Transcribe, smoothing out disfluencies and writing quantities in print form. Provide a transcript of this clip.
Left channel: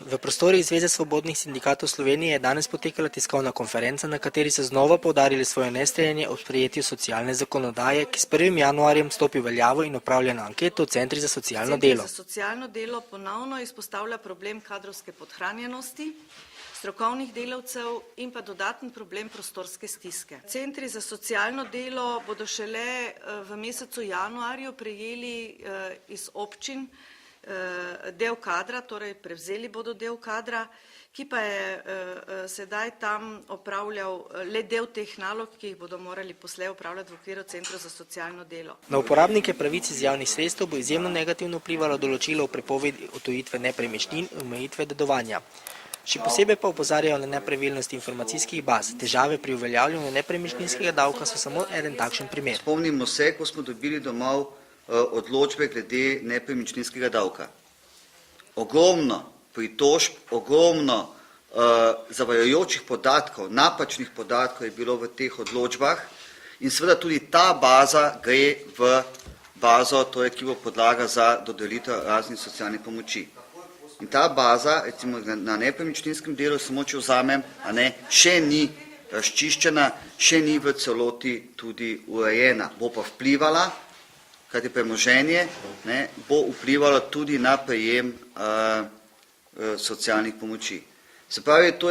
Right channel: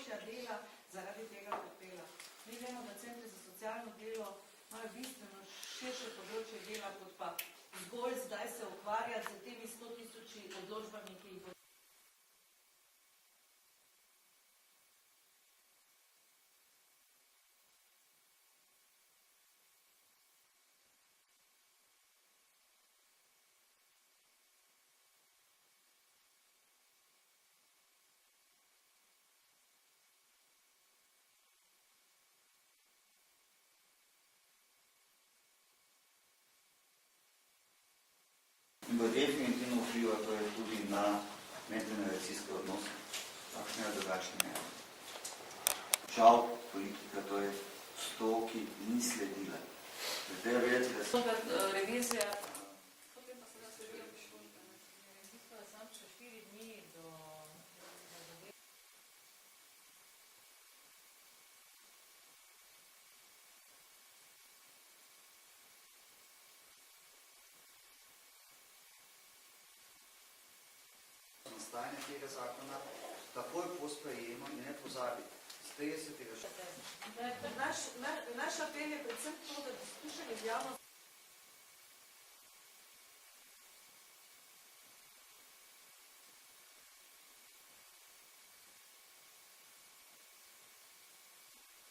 V prostorih Zveze svobodnih sindikatov Slovenije je danes potekala tiskovna konferenca, na kateri so znova poudarili svoje nestrinjanje o sprejetju socialne zakonodaje, ki s 1. januarjem stopi v veljavo in opravljena anketo v Centri za socialno delo. Centri za socialno delo ponovno izpostavlja problem kadrovske podhranjenosti, strokovnih delavcev in pa dodaten problem prostorske stiske. Centri za socialno delo bodo šele v mesecu januarju prejeli iz občin del kadra, torej prevzeli bodo del kadra, ki pa je sedaj tam opravljal le del teh nalog, ki jih bodo morali poslej opravljati v okviru Centrov za socialno delo. Na uporabnike pravic iz javnih sredstev bo izjemno negativno vplivalo določilo o prepovedi odtujitve nepremičnin in omejitve dedovanja. Še posebej pa opozarjajo na nepravilnosti informacijskih baz. Težave pri uveljavljanju nepremičninskega davka so samo eden takšen primer. Spomnimo se, ko smo dobili domov odločbe glede nepremičninskega davka. Ogromno pritožb, ogromno zavajajočih podatkov, napačnih podatkov je bilo v teh odločbah in seveda tudi ta baza gre v bazo, ki bo podlaga za dodelitev raznih socialnih pomoči. In ta baza, recimo na nepremičninskem delu, samo če vzamem, še ni razčiščena, še ni v celoti tudi urejena. Bo pa vplivala, kajti premoženje bo vplivalo tudi na prejem socialnih pomoči. Se pravi, to je